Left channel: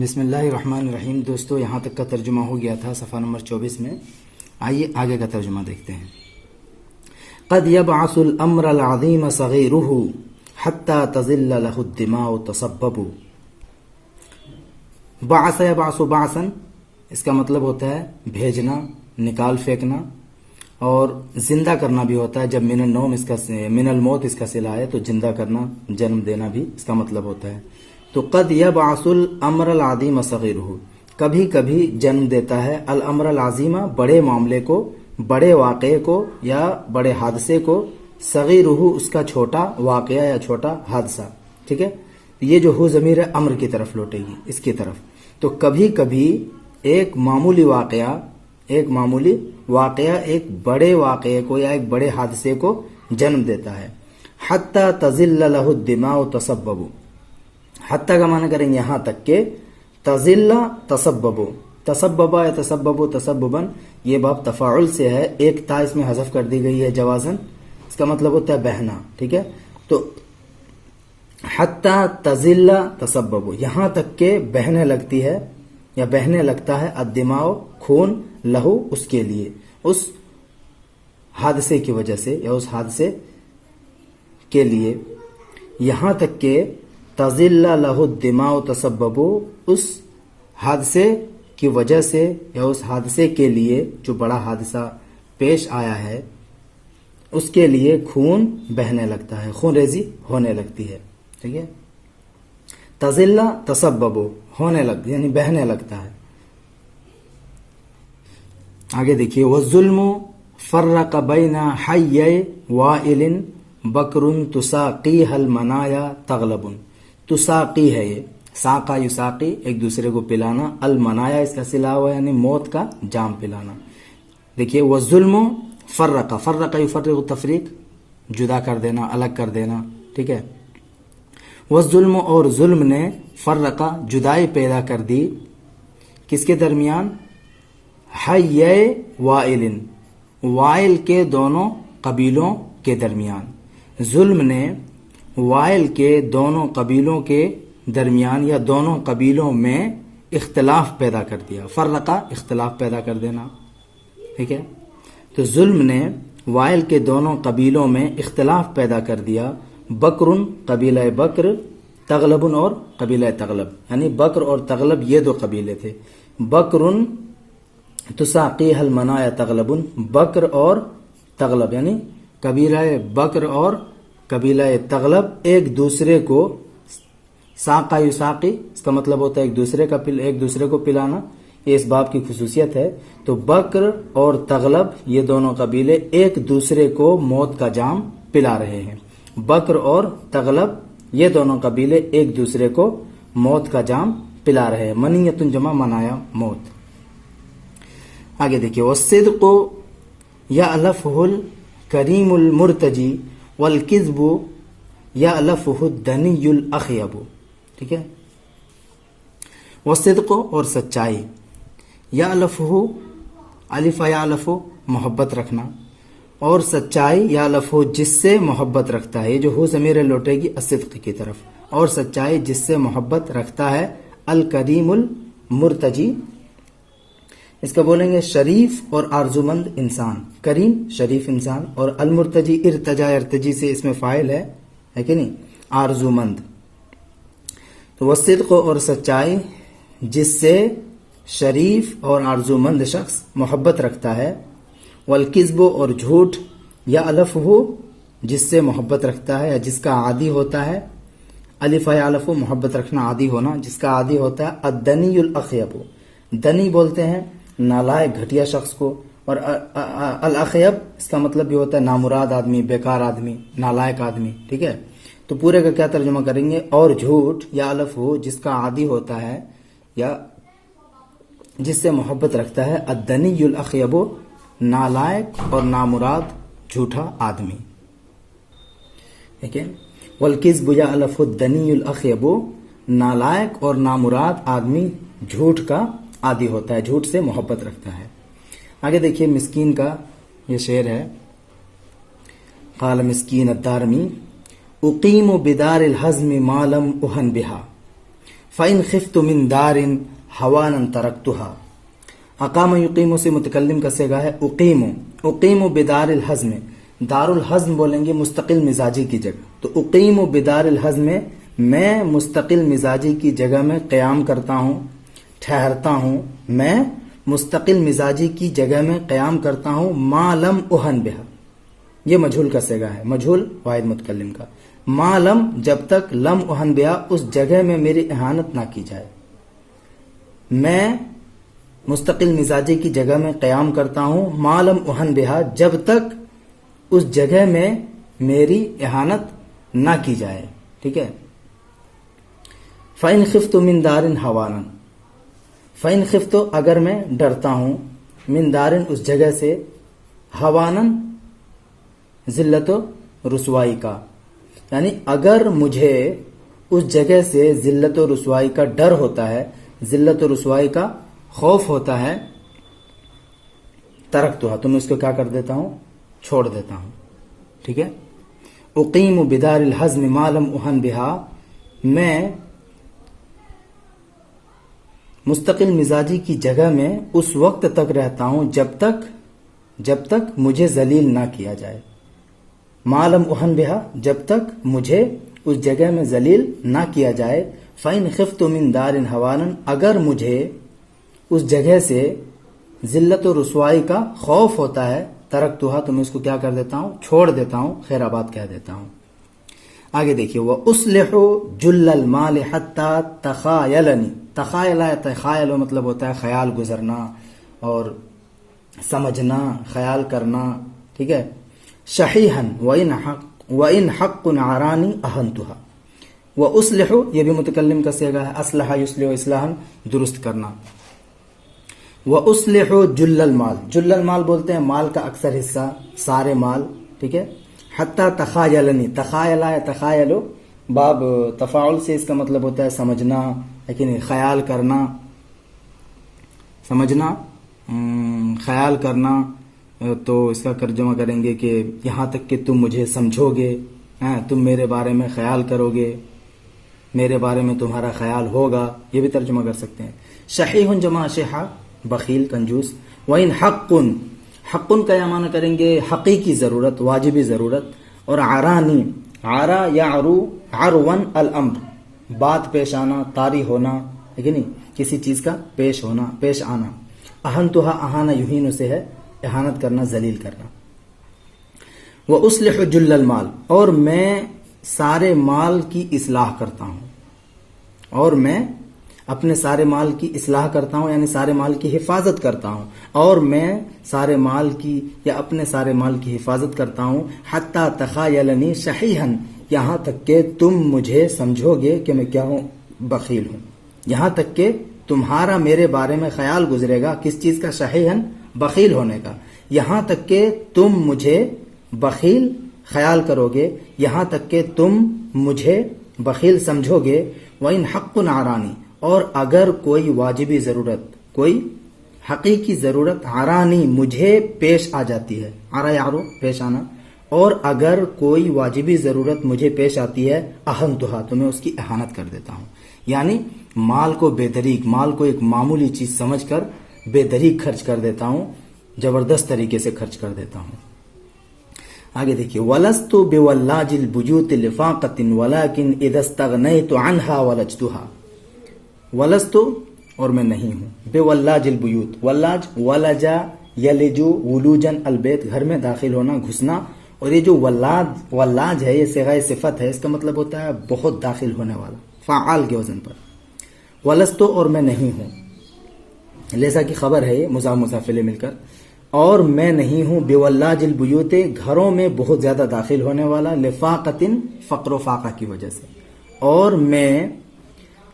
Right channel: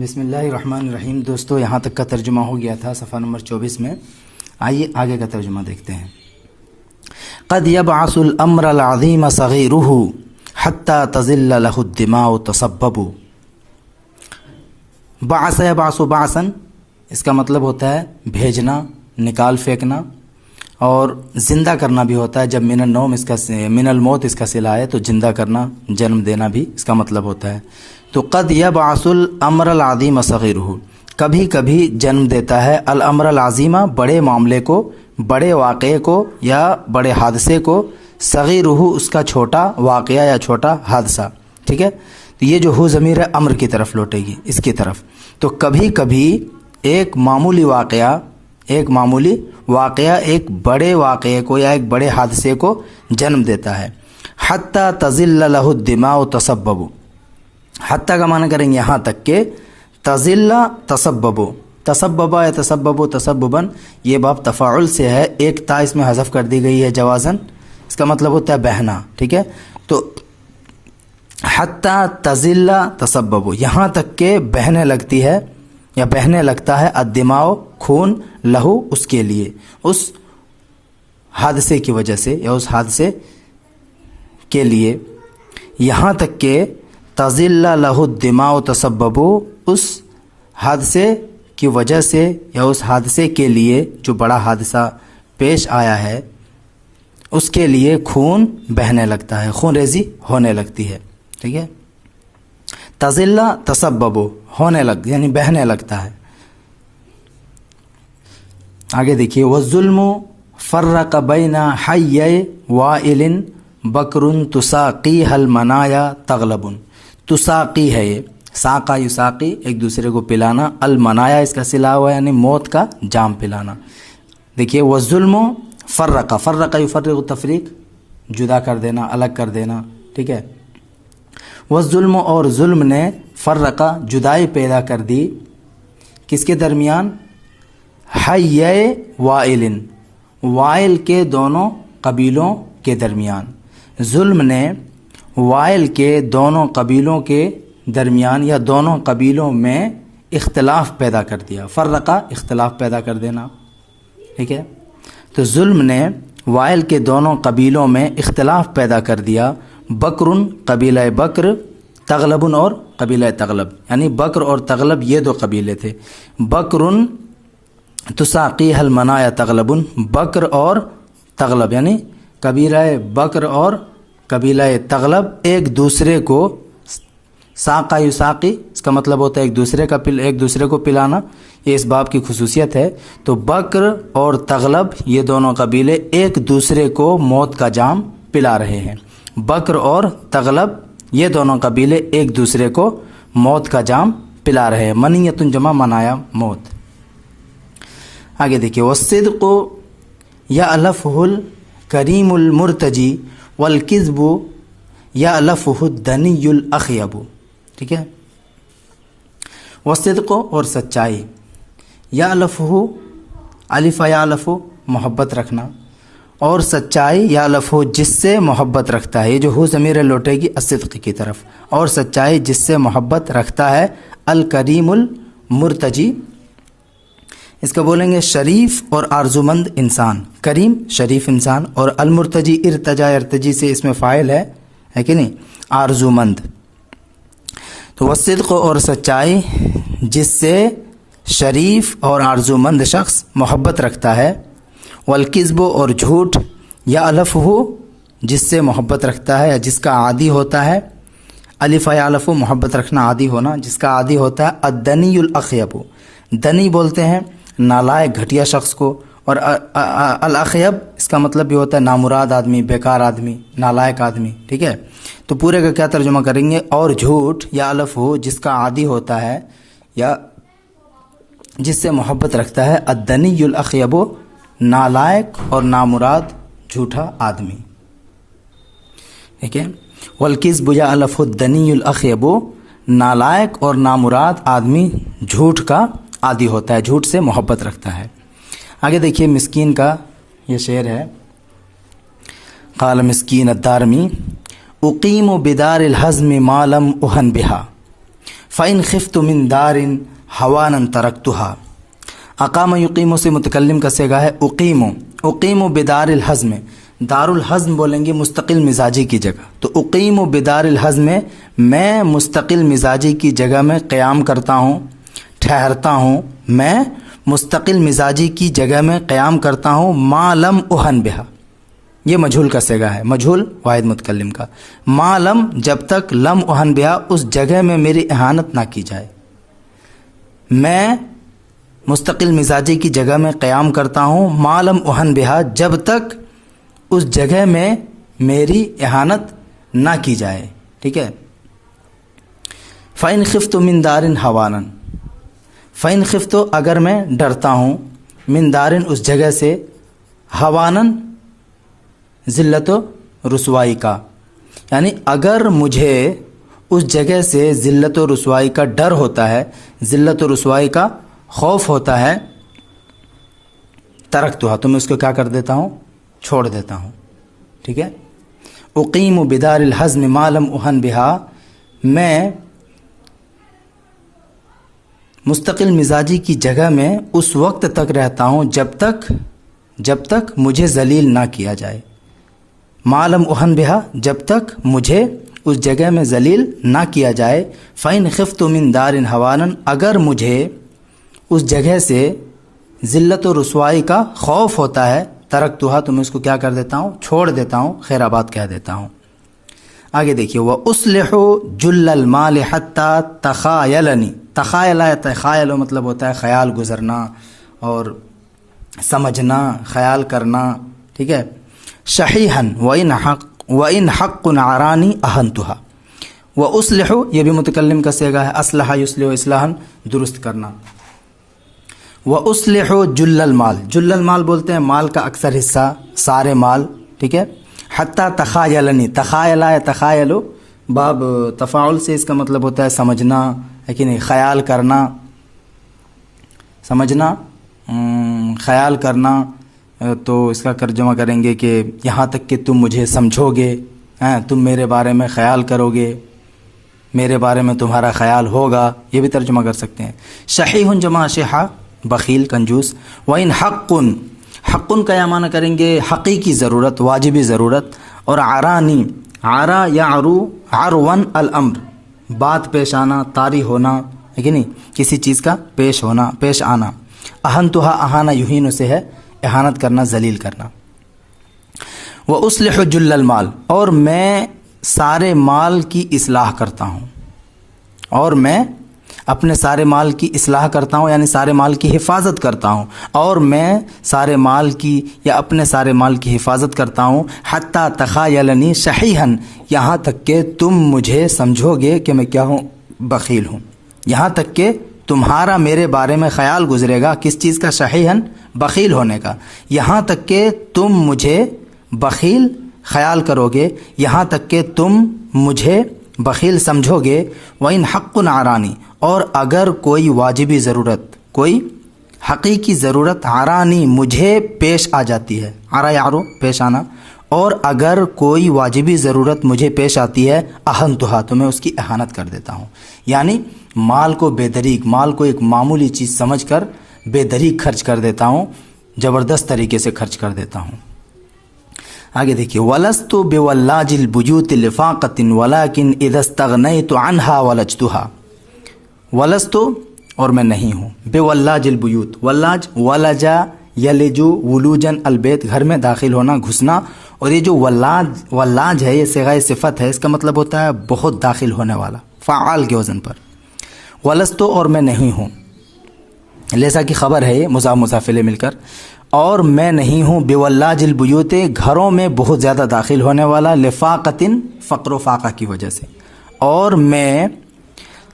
بسم اللہ الرحمن الرحیم۔ دوستو یہاں تک کا ترجمہ ہو گیا تھا صفحہ نمبر 24 میں۔ آئیے آگے کا ترجمہ دیکھتے ہیں۔ قد يبعث الامر العظیم صغیرہ حتی تزل له الدماء تسبب۔ بعث یبعث بعثا، اس کا مطلب ہوتا ہے بھیجنا، نکال پھینکنا، اور زندہ کرنا بھی ہوتا ہے۔ جب من النوم اس کا من الموت اس کا صلہ ہے تو زندہ کرنا، جنم دینا بھی اس کا مطلب ہوتا ہے۔ تو قد یبعث الامر العظیم صغیرہ، کبھی کبھی جنم دیتا ہے الامر العظیمہ، بڑے معاملے کو، بڑے واقعے کو یا بڑے حادثے کو، صغیرہ اس کا چھوٹا واقعہ یا چھوٹا حادثہ، ٹھیک ہے۔ تو یہ جو ہو ضمیر ہے امر کی طرف لوٹے گی، اس کی طرف۔ تو کبھی کبھی ایک معمولی واقعہ ایک بڑے واقعے کو یا ایک بڑے حادثے کو جنم دیتا ہے۔ حتی تزل لہ الدماء تسبب، حتی کا معنی کریں گے یہاں تک کہ تزل تسبب، تسببا یا تسبب تسببا، یہ باب تفاعل سے ہے، ایک تا اس میں حذف کر دی گئی ہے جوازن، اس کا مطلب ہوتا ہے بہنا، ٹھیک ہے۔ تو حتی تزل تسبب، یہاں تک کہ بہنے لگتی ہے یا بہنے لگتا ہے الدماء خون، لہو اس کے لیے، اس حادثے کی وجہ سے یا اس حادثے کے لیے، یہاں تک کہ تزل لہ الدماء تسبب، اس حادثے کی وجہ سے یا اس حادثے کے لیے جو بڑا حادثہ پیش آیا ہے اس کے لیے خون بہنے لگتا ہے، خون ریزی ہونے لگتی ہے، ٹھیک ہے۔ تزل تسبب، ہونے لگ یعنی بہنے لگتا ہے۔ آگے دیکھیے، والظلم فرق بین حی وائل بکر تساقیہ المنایا تغلب، تساقی ہے یہ، ساقا یساقی ایک دوسرے کو پلانا، المنایا اس کا صلہ ہوا یعنی موت کا جام پلانا۔ دیکھیے، والظلم فرق، فرق یفرق تفریق، جدا کر دینا، الگ کر دینا، ٹھیک ہے۔ والظلم، اور ظلم نے فرقہ جدائی پیدا کر دی، کس کے درمیان؟ حی وائل، وائل کے دونوں قبیلوں کے درمیان، ظلم نے وائل کے دونوں قبیلوں کے درمیان یا دونوں قبیلوں میں اختلاف پیدا کر دیا، فرقہ اختلاف پیدا کر دینا، ٹھیک ہے۔ تو ظلم نے وائل کے دونوں قبیلوں میں اختلاف پیدا کر دیا، بکرن قبیلہ بکر، تغلبن اور قبیلہ تغلب، یعنی بکر اور تغلب یہ دو قبیلے تھے۔ بکرن تساقیہ المنایا تغلبن، بکر اور تغلب یعنی قبیلہ بکر اور قبیلہ تغلب ایک دوسرے کو، ساقا یساقی اس کا مطلب ہوتا ہے ایک دوسرے کو پلانا، یہ اس باب کی خصوصیت ہے۔ تو بکر اور تغلب یہ دونوں قبیلے ایک دوسرے کو موت کا جام پلا رہے ہیں، بکر اور تغلب یہ دونوں قبیلے ایک دوسرے کو موت کا جام پلا رہے ہیں، منیت جمع منایا موت۔ آگے دیکھیے، والصدق یألفہ الکریم المرتجی والکذب یألفہ الدنی الاخیب، ٹھیک ہے۔ والصدق، اور سچائی، یألفہ، الف یألف محبت رکھنا، اور سچائی یألفہ جس سے محبت رکھتا ہے، یہ جو ہو ضمیر لوٹے گی الصدق کی طرف، اور سچائی جس سے محبت رکھتا ہے، الکریم المرتجی، اس کو بولیں گے شریف اور آرزومند انسان، کریم شریف انسان، اور المرتجی ارتجا، ارتجی سے اس میں فاعل ہے کہ نہیں، آرزومند۔ تو والصدق، اور سچائی جس سے شریف اور آرزومند شخص محبت رکھتا ہے، والکذب، اور جھوٹ، یألفہ جس سے محبت رکھتا ہے یا جس کا عادی ہوتا ہے، الف یألف محبت رکھنا عادی ہونا، جس کا عادی ہوتا ہے، الدنی الاخیب، دنی بولتے ہیں نالائق گھٹیا شخص کو، اور الاخیب اس کا مطلب بھی ہوتا ہے نامراد آدمی، بیکار آدمی، نالائق آدمی، ٹھیک ہے۔ تو پورے کا کیا ترجمہ کریں گے؟ اور جھوٹ یألفہ جس کا عادی ہوتا ہے یا جس سے محبت رکھتا ہے، الدنی الاخیب نالائق اور نامراد جھوٹا آدمی، ٹھیک ہے۔ والکذب یألفہ الدنی الاخیب، نالائق اور نامراد آدمی جھوٹ کا عادی ہوتا ہے، جھوٹ سے محبت رکھتا ہے۔ آگے دیکھیے، مسکین کا یہ شعر ہے، قال مسکین الدارمی، اقیم بدار الحزم ما لم اہن بہا فَإِنْ خِفْتُ مِنْ دَارٍ هَوَانًا تَرَكْتُهَا۔ اقام یقیم سے متکلم کا صیغہ ہے اقیم بدار الحزم، دار الحزم بولیں گے مستقل مزاجی کی جگہ، تو اقیم بدار الحزم میں مستقل مزاجی کی جگہ میں قیام کرتا ہوں، ٹھہرتا ہوں، میں مستقل مزاجی کی جگہ میں قیام کرتا ہوں، ما لم اہن بہا، یہ مجہول کا صیغہ ہے، مجہول واحد متکلم کا، ما لم جب تک لم اہن بہا اس جگہ میں میری اہانت نہ کی جائے، میں مستقل مزاجی کی جگہ میں قیام کرتا ہوں، ما لم اہن بہا جب تک اس جگہ میں میری اہانت نہ کی جائے، ٹھیک ہے۔ فَإِنْ خِفْتُ مِنْ دَارٍ هَوَانًا، فَإِنْ خِفْتُ اگر میں ڈرتا ہوں، من دارن اس جگہ سے، ہوانن ذلت و رسوائی کا، یعنی اگر مجھے اس جگہ سے ذلت و رسوائی کا ڈر ہوتا ہے، ذلت و رسوائی کا خوف ہوتا ہے، ترکتھا تو میں اس کو کیا کر دیتا ہوں، چھوڑ دیتا ہوں، ٹھیک ہے۔ اقیم بدار الحزم ما لم اہن بہا، میں مستقل مزاجی کی جگہ میں اس وقت تک رہتا ہوں جب تک مجھے ذلیل نہ کیا جائے، ما لم اہن بہا جب تک مجھے اس جگہ میں ذلیل نہ کیا جائے، فَإِنْ خِفْتُ مِنْ دَارٍ هَوَانًا اگر مجھے اس جگہ سے ذلت و رسوائی کا خوف ہوتا ہے، ترکتھا تو میں اس کو کیا کر دیتا ہوں، چھوڑ دیتا ہوں، خیر آباد کہہ دیتا ہوں۔ آگے دیکھیے وَأُصْلِحُ جُلَّ الْمَالِ حَتَّى تَخَایَلَنِی، تخایل مطلب ہوتا ہے خیال گزرنا اور سمجھنا، خیال کرنا، ٹھیک ہے۔ شحیحاً وَإِنْ حَقٌّ عَرَانِی أَهَنْتُهَا، وَأُصْلِحُ یہ بھی متکلم کا صیغہ ہے، اصلح یصلح اصلاحاً درست کرنا۔ وَأُصْلِحُ جُلَّ المال، جُلَّ المال بولتے ہیں مال کا اکثر حصہ، سارے مال، ٹھیک ہے۔ حتیٰ تخایلنی، تخایل باب تفاعل سے اس کا مطلب ہوتا ہے سمجھنا، لیکن خیال کرنا، سمجھنا، خیال کرنا، تو اس کا ترجمہ کریں گے کہ یہاں تک کہ تم مجھے سمجھو گے، تم میرے بارے میں خیال کرو گے، میرے بارے میں تمہارا خیال ہوگا، یہ بھی ترجمہ کر سکتے ہیں۔ شحیح جمع شحا، بخیل، کنجوس۔ وَإِنْ حَقٌّ کا یا معنی کریں گے حقیقی ضرورت، واجبی ضرورت، اور عرانی، عرا یعرو عرون الامر، بات پیش آنا، طاری ہونا، ہے کہ نہیں، کسی چیز کا پیش ہونا، پیش آنا۔ اہنتھا، اہانا یہین سے ہے اہانت کرنا، ذلیل کرنا۔ وَأُصْلِحُ جُلَّ المال، اور میں سارے مال کی اصلاح کرتا ہوں، اور میں اپنے سارے مال کی اصلاح کرتا ہوں، یعنی سارے مال کی حفاظت کرتا ہوں، اور میں سارے مال کی یا اپنے سارے مال کی حفاظت کرتا ہوں، حتیٰ تخایلنی شحیحاً یہاں تک کہ تم مجھے سمجھو گے کہ میں کیا ہوں، بخیل ہوں، یہاں تک کہ تمہارا میرے بارے میں خیال گزرے گا، کس چیز کا، شحیحاً بخیل ہونے کا، یہاں تک کہ تم مجھے بخیل خیال کرو گے، یہاں تک کہ تم مجھے بخیل سمجھو گے۔ وَإِنْ حَقٌّ عَرَانِی، اور اگر کوئی واجبی ضرورت، کوئی حقیقی ضرورت، عرانی مجھے پیش آ جاتی ہے، عرا یعرو پیش آنا، اور اگر کوئی واجبی ضرورت مجھے پیش آتی ہے، اہنتھا تو میں اس کی اہانت کر دیتا ہوں، یعنی مال کو بے دریغ، مال کو ایک معمولی چیز سمجھ کر بے دریغ خرچ کر دیتا ہوں، زبردست طریقے سے خرچ کر دیتا ہوں۔ آگے دیکھیے وَلَسْتُ بِوَلَّاجِ الْبُيُوتِ لِفَاقَةٍ وَلَكِنْ إِذَا اسْتَغْنَيْتُ عَنْهَا وَلَجْتُهَا، ولستو اور میں نہیں ہوں، بے ولاج البیوت، ولاج ولجا یلجو ولوجن البیت، گھر میں داخل ہونا، گھسنا، اور یہ جو ولاج ہے یہ صیغہ صفت ہے، اس کا مطلب ہوتا ہے بہت داخل ہونے والا، فعال کے وزن پر۔ ولستو اور میں نہیں ہوں، لیسا کی خبر ہے یہ مضاف مضاف الیہ مل کر، اور میں نہیں ہوں، بے ولاج البیوت گھروں میں بہت زیادہ داخل ہونے والا، لفاقتن فقر و فاقہ کی وجہ سے، اور میں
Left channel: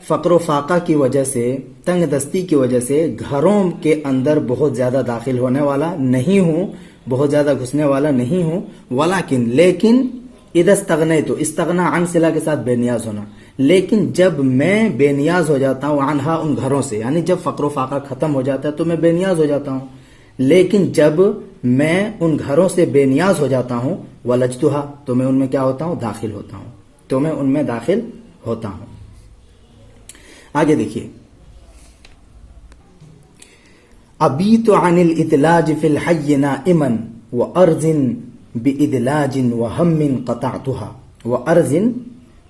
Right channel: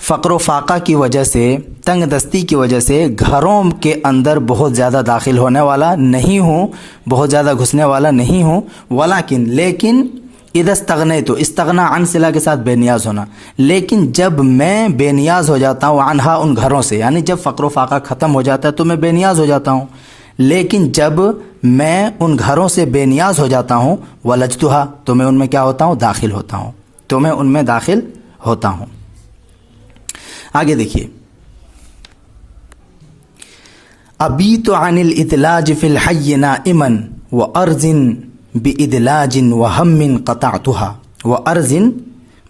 فقر و فاقہ کی وجہ سے، تنگ دستی کی وجہ سے گھروں کے اندر بہت زیادہ داخل ہونے والا نہیں ہوں، بہت زیادہ گھسنے والا نہیں ہوں، لیکن اذا استغنیت، استغنا عن صلہ کے ساتھ بے نیاز ہونا، لیکن جب میں بے نیاز ہو جاتا ہوں، عنہا ان گھروں سے، یعنی جب فقر و فاقہ ختم ہو جاتا ہے تو میں بے نیاز ہو جاتا ہوں، لیکن جب میں ان گھروں سے بے نیاز ہو جاتا ہوں، ولجتھا تو میں ان میں کیا ہوتا ہوں، داخل ہوتا ہوں، تو میں ان میں داخل ہوتا ہوں۔ آگے دیکھیے، ابیت عن الادلاج فی الحی نائما وارض بادلاج وہم قطعتها، وارض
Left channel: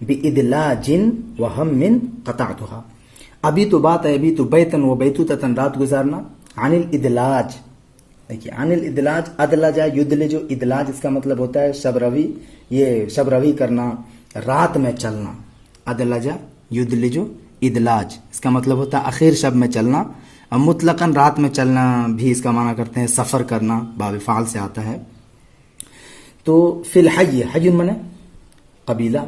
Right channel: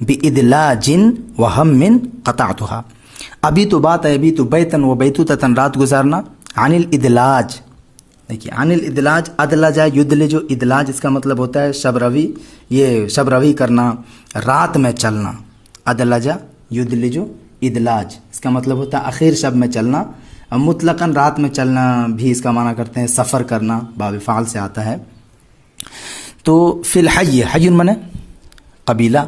بادلاج وہم قطعتها۔ ابھی تو بات ہے، ابھی تو بیتن و بیتوتتن، رات گزارنا، عن الادلاج، دیکھیے عن الادلاج، ادلج یدلج، ادلاج اس کا مطلب ہوتا ہے شب روی، یہ شب روی کرنا، رات میں چلنا، ادلج یدلج ادلاج اس کا مطلب ہوتا ہے اخیر شب میں چلنا، مطلقاً رات میں چلنا بھی اس کا معنی کرتے ہیں سفر کرنا، باب فعل سے آتا ہے۔ تو فی الحی، حی من قبیلہ،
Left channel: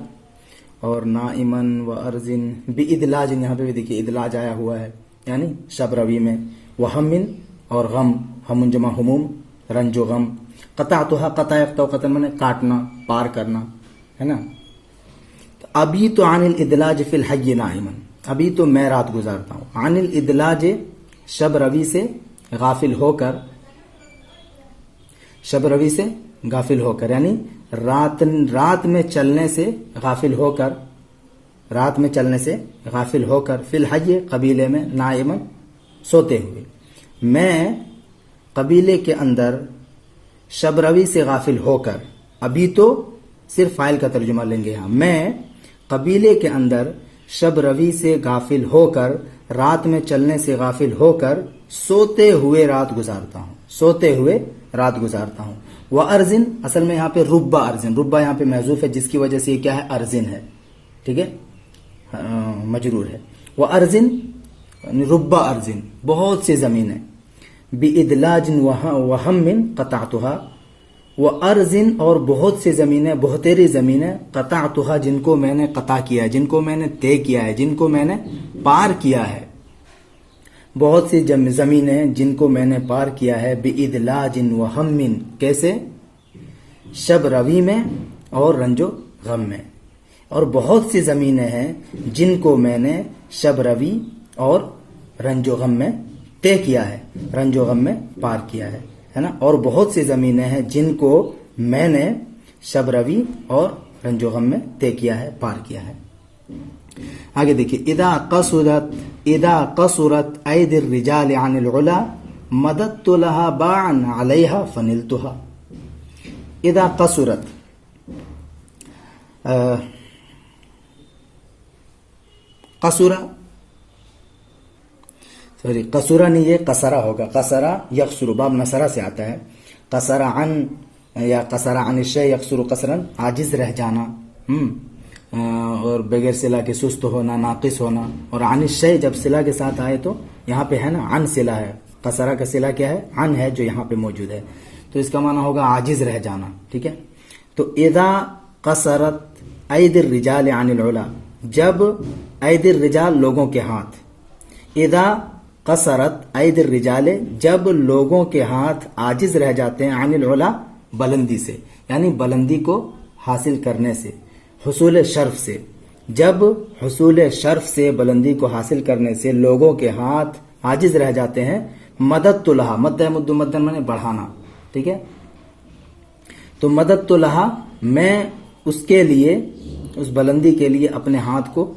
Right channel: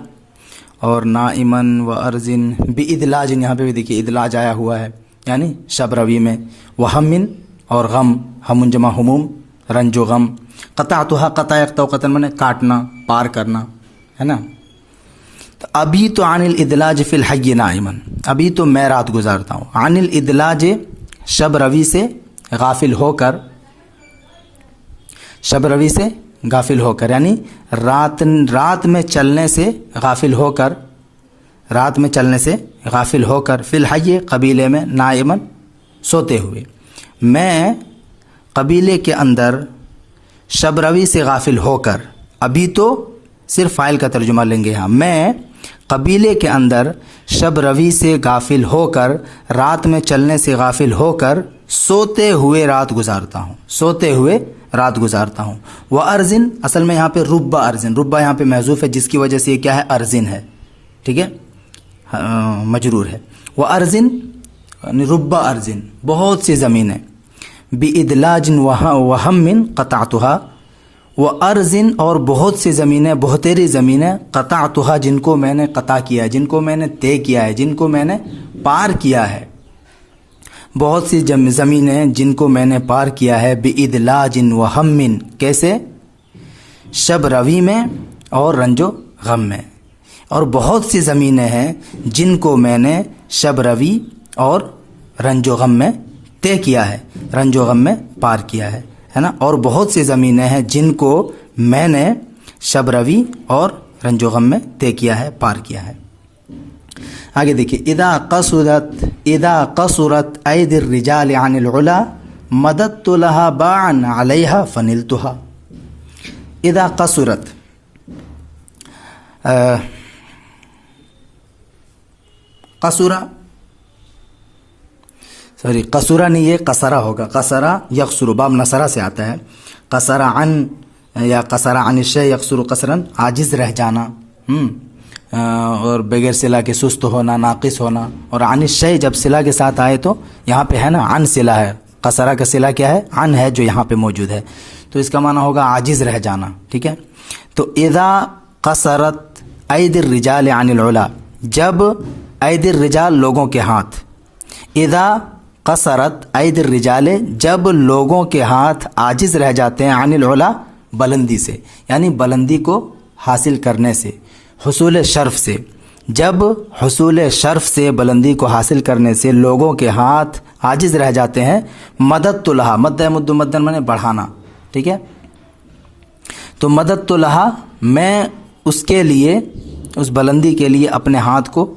اور نائمن و ارزن بادلاج، یہاں پہ بھی دیکھیے ادلاج آیا ہوا ہے، یعنی شب روی میں، وہمن اور غم، ہم جمع ہموم، رنج و غم، قطعتها، قطع یقطع قطع من کاٹنا، پار کرنا، ہے نا۔ ابھی تو عن الادلاج فی الحی نائما، ابھی تو میں رات گزارتا ہوں، عن الادلاج شب روی سے غافل ہو کر، شب روی سے غافل ہو کر، یعنی رات میں چلنے سے غافل ہو کر، رات میں چلنے سے غافل ہو کر، فی الحی قبیلے میں، نائمن سوتے ہوئے، میں قبیلے کے اندر شب روی سے غافل ہو کر، ابھی تو صرف فاعل کا ترجمہ لیں گے یہاں، میں قبیلے کے اندر شب روی سے غافل ہو کر، رات میں چلنے سے غافل ہو کر، سوتے ہوئے رات گزارتا ہوں، سوتے ہوئے رات گزارتا ہوں۔ وہ ارزن، اصل میں یہاں پہ ربا ارزن، ربا یہاں پہ محذوف ہے، جس کی وجہ سے یہ کیا ہے، ارزن ہے، ٹھیک ہے، مجرور ہے۔ وہ ارزن ربا ارزن، بہت سی زمینیں، بادلاج وہم قطعتها، وہ ارزن اور بہت سی زمینیں، بہتری زمینیں، قطعتها جن کو میں نے قطع کیا ہے، جن کو میں نے طے کیا ہے، جن کو میں نے پار کیا ہے، بہت سی زمینیں جن کو میں نے پار کیا ہے، بادلاج وہم، کیسے، شب روی میں اور رنج و غم میں، اور بہت سی زمینیں ہیں جن کو میں نے شب روی اور رنج و غم میں طے کیا ہے، رنج و غم میں پار کیا ہے نا، اور بہت سی زمینیں ہیں جن کو میں نے شب روی اور رنج و غم میں طے کیا ہے، پار کیا ہے۔ آگے دیکھیے، اذا قصرت اید الرجال عن العلا مددت لها باعا علیہا فنلتها۔ اذا قصرت، قصرہ نہیں، یہ قصرہ ہوگا، قصرہ یقصر، باب نصرہ سے آتا ہے، قصرہ عن یا قصرہ عن الشیء یقصر قصرا، عاجز رہ جانا، اور بغیر صلہ کے سست ہونا، ناقص ہونا، اور عن الشیء جب صلہ کے ساتھ آئے تو یہاں پہ ہے نا عن صلہ ہے، قصرہ کا صلہ کیا ہے، عن ہے جو یہاں پہ موجود ہے، تو اس کا معنی ہوگا عاجز رہ جانا، ٹھیک ہے۔ تو اذا قصرت اید الرجال عن العلا، جب اید الرجال لوگوں کے ہاتھ، اذا قصرت اید الرجال جب لوگوں کے ہاتھ عاجز رہ جاتے ہیں، عن العلا بلندی سے، یعنی بلندی کو حاصل کرنے سے، حصول شرف سے، جب حصول شرف سے، بلندی کو حاصل کرنے سے لوگوں کے ہاتھ عاجز رہ جاتے ہیں، مددت لہا، مد مدن میں بڑھانا، ٹھیک ہے، تو مددت لہا میں اس کے لیے، اس بلندی کے لیے اپنے ہاتھ کو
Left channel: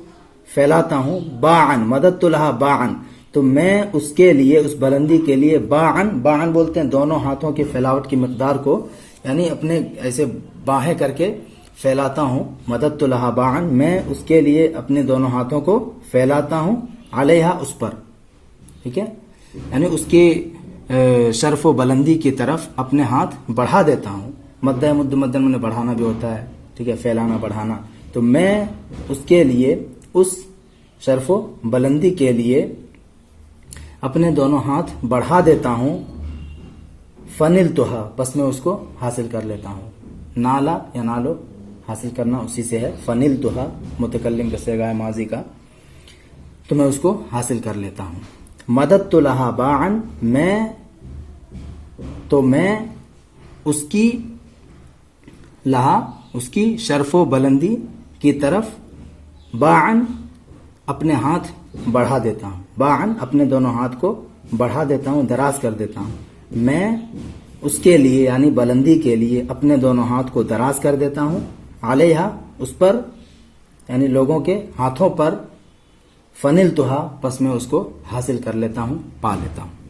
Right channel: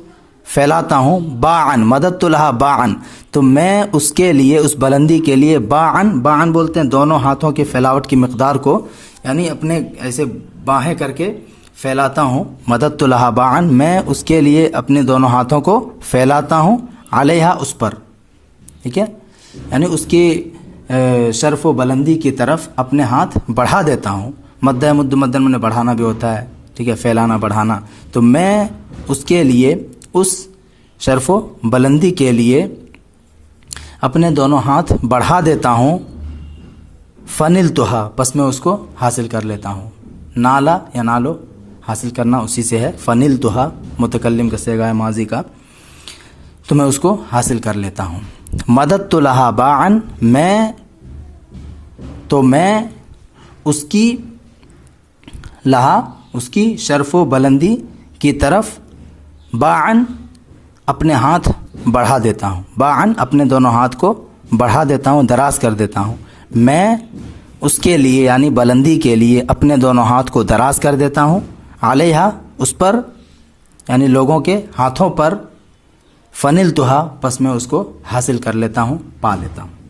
پھیلاتا ہوں، باعن، مددت لہا باعن، تو میں اس کے لیے، اس بلندی کے لیے، باعن، باعن بولتے ہیں دونوں ہاتھوں کی پھیلاوٹ کی مقدار کو، یعنی اپنے ایسے باہیں کر کے پھیلاتا ہوں، مددت لہا باعن، میں اس کے لیے اپنے دونوں ہاتھوں کو پھیلاتا ہوں، علیہا اس پر، ٹھیک ہے، یعنی اس کی شرف و بلندی کی طرف اپنے ہاتھ بڑھا دیتا ہوں، مد مدن میں بڑھانا بھی ہوتا ہے، ٹھیک ہے، پھیلانا، بڑھانا، تو میں اس کے لیے، اس شرف و بلندی کے لیے اپنے دونوں ہاتھ بڑھا دیتا ہوں، فنلتها، پس میں اس کو حاصل کر لیتا ہوں، نالا یا نالو حاصل کرنا اسی سے ہے، فنلتها متکلم کا صیغہ ہے ماضی کا، تو میں اس کو حاصل کر لیتا ہوں، مددت لها باعا، میں اس کی لہا، اس کی شرف و بلندی کی طرف، باعن اپنے ہاتھ بڑھا دیتا ہوں، باعن اپنے دونوں ہاتھ کو بڑھا دیتا ہوں، دراز کر دیتا ہوں، میں اس کے لیے یعنی بلندی کے لیے اپنے دونوں ہاتھ کو دراز کر دیتا ہوں، علیہا اس پر، یعنی لوگوں کے ہاتھوں پر، فنل توہا پس میں اس کو حاصل کر لیتا ہوں، پا لیتا ہوں۔